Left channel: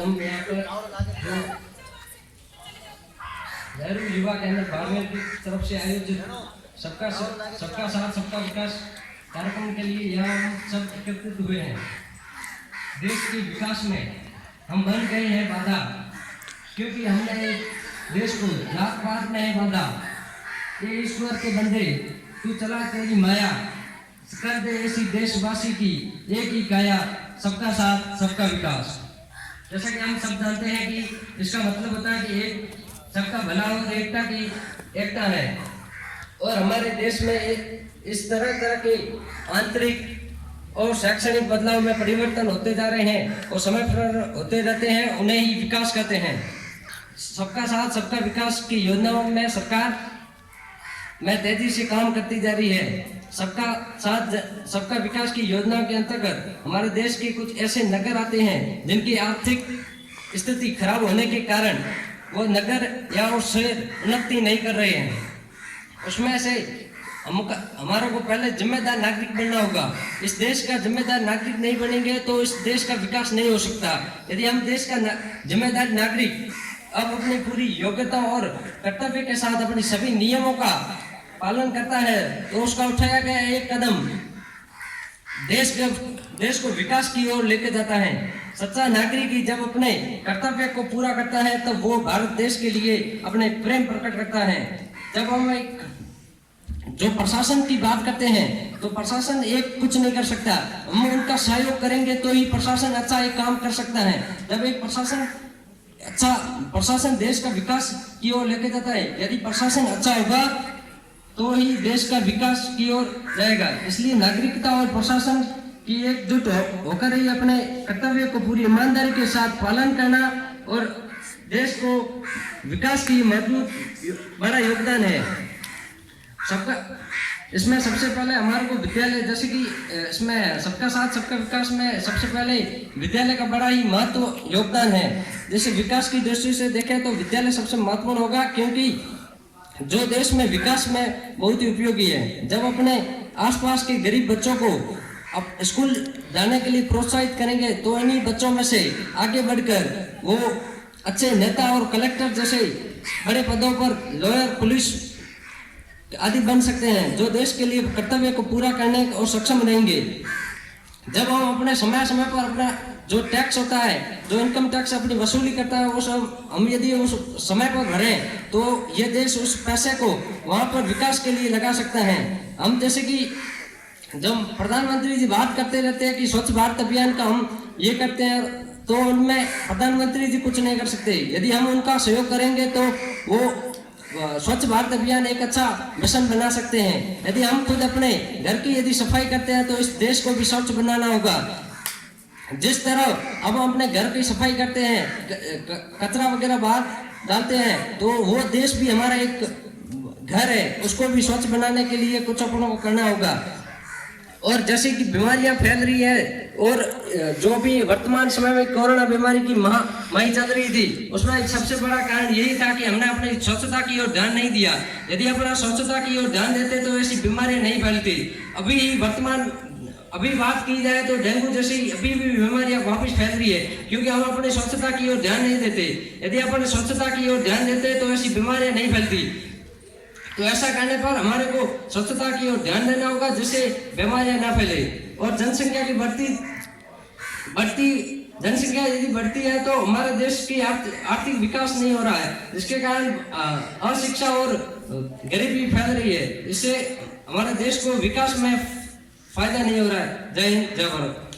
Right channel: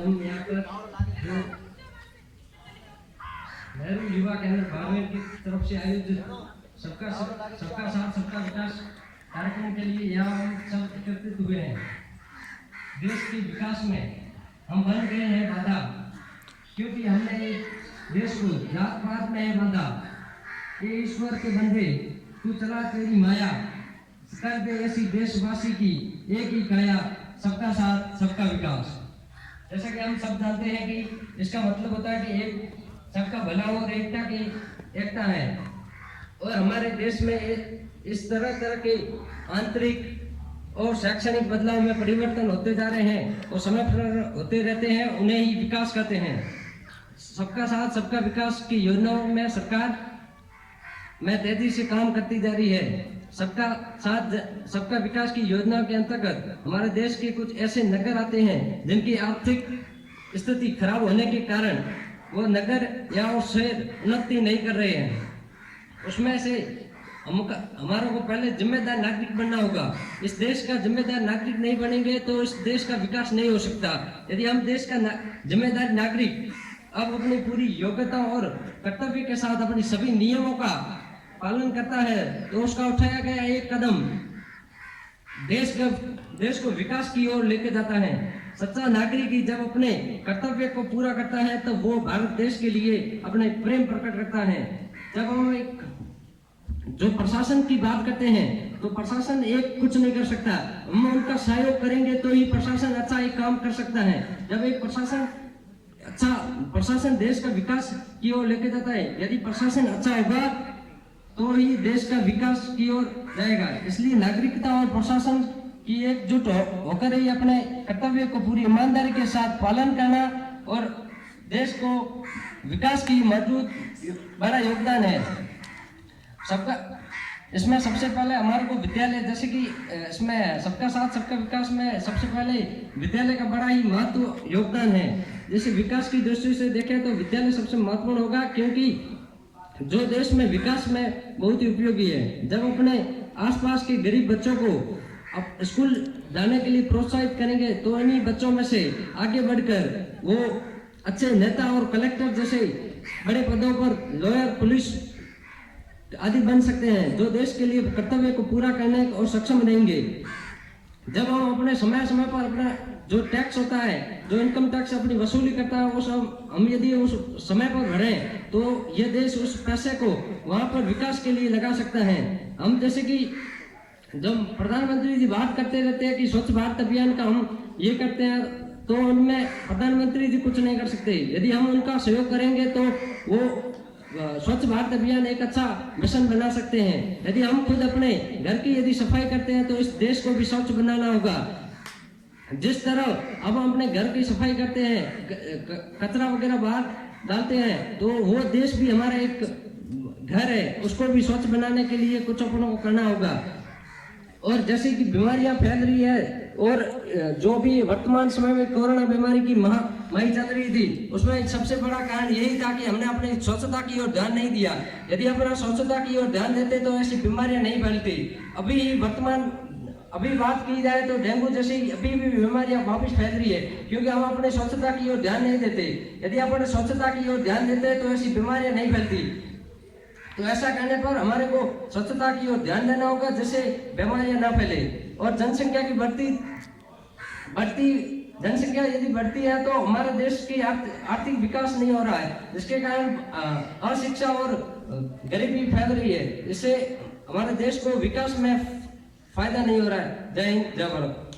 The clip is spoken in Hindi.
हम यहाँ पर नेहरू युवा केंद्र बाड़मेर की तरफ से आयोजित सबका साथ सबका विकास कार्यक्रम के लिए यहाँ हम सब एकत्रित हुए हैं। देश के विकास में हम बन गए हैं बाधा, क्योंकि हमने देश को जात पात में बांधा। ये ईश्वर के बंदे तू चला तेरी माया, कर दे ऐसी देशवासी की एक ही काया, सबका साथ सबका विकास। जैसा कि हम सब जानते हैं कि इसका मतलब होता है कि एक सबका भला और एकता की एकता है। और हमारे देश में इस तरह के आंतरिक और शैक्षणिक बदलाव में परिवर्तन होते जा रहे हैं और समय पर होते रहते हैं, उन्हें ही विकास कहते हैं। सबका साथ सबका विकास की योजनाओं में सरकार में तेजी से काम करती जा रही है। सबका साथ सबका विकास की योजनाओं के अंतर्गत हमारे देश के कुछ ऐसे नगर आते हैं जिनकी आर्थिक स्थिति खराब होने के कारण वो नगर या वो शहर उन्नति नहीं कर रहे हैं। उसमें से हमारे को पहले जिम्मेदार नागरिक बनना होगा। इस देश का जिम्मेदार नागरिक नहीं बनेंगे तो इस देश का विकास नहीं हो सकता। यदि हम देश का जिम्मेदार नागरिक अब अपनी पूरी योग्यता और कर्तव्य के साथ अपनी सभी नियमों का पालन करता है तो उसका उठाया गया एक कदम देश को विकास की ओर लेके जाता है। सच्चा नागरिक ही जब अपने कर्तव्य को पूरा करता है तब वो भारत देश के लिए अपने प्रेम प्रकट करता है। जब हम जो प्रशासन की बात करते हैं तो प्रशासन एक कुछ नहीं कर सकता, हम उनका सहयोग करेंगे तो ही प्रशासन अच्छा एक काम कर सकता है। जब एक प्रशासन देश का विकास की ओर लेके जाता है, यदि प्रशासन अच्छा होगा तो ही देश का विकास की ओर जाएगा। इसलिए नागरिकता और प्रशासन की एकजुट होकर ही अपने कर्तव्य को पूरी ईमानदारी के साथ पालन करना और देश को विकास की मजबूत बड़ा योगदान है सबका। इसमें सबसे पहले हमारे को विद्यालय, जैसे कि इसमें सबका साथ सबका विकास में सबसे पहले विद्यालय का बड़ा ही महत्व योगदान है। जैसे विकास की दृष्टि से देखें तो विद्यालय सबसे महत्वपूर्ण होगा, क्योंकि जो देश में विकास में बहुत ही उपयोगी है। जब अपने आसपास के गरीब बच्चों को अब स्कूल जाने के लिए प्रोत्साहित करेंगे तो इन्हीं बच्चों में से आगे बढ़कर वो अच्छे नेता और कलेक्टर जैसे बड़े पदों पर लॉयर, पुलिस आदि बन सकते हैं, जो देश के लिए कर्तव्य को पूरा करने और सक्षम रहेंगे। जब हम अपने समय पर अपना जो टैक्स होता है, जो इनकम टैक्स अपनी वसूली करता है, वो सब हम यदि उस समय पर भरें तो ये देश उस पैसे को वहाँ पर विकास के लिए लगा सकता है। हम जैसे कि जब प्रधानमंत्री जी बात करते रहते हैं कि स्वच्छ भारत अभियान का हम ये करते हैं, तो उनमें प्रधानमंत्री जी कुछ नहीं कर सकते। यदि हम उनका सहयोग करेंगे तो वो स्वच्छ भारत अभियान एक अच्छा मिशन बना सकते हैं। यदि हम खुद अपने घर की यदि सफाई करते हैं तो इस देश को भी स्वच्छ बनाना होगा। जिस तरह अब हम अपने घर की सफाई करते हैं, कचरा वगैरह बाहर डालते हैं, तो वो देश भी हमारा एक घर है, उसको भी स्वच्छ बनाने के लिए कुछ अपनों को करना होगा। और जैसे कि बीमारियां फैल रही है और जो भी वर्तमान समय में कोरोना बीमारी की महामारी चल रही थी, उसमें सबसे बड़ा कारण यही था कि हमने अपनी स्वच्छता की ओर ध्यान नहीं दिया। यदि अपना स्वच्छता की ओर ध्यान देते तो ऐसी बीमारियां नहीं फैलती। अभी बात की जाए तो डेंगू जैसी अभी भी बीमारियां वापस फैल रही है, क्योंकि हम अपने स्वच्छता की ओर ध्यान नहीं देते। यदि अपने स्वच्छता की ओर ध्यान देते तो ऐसी बीमारियां नहीं फैलती। तो ऐसा करने पर हमारे को स्वच्छता की ओर ध्यान देना होगा जिससे बीमारियां ना फैले। और जनसंख्या की बढ़ती जनसंख्या यदि बढ़ती है तो हमारे देश की आर्थिक विकास नहीं हो रहा है, जिसके कारण अशिक्षा और गरीबी फैल रही है। इससे हमारे देश को विकास में फायदा नहीं हो रहा है। जय हिंद, जय भारत।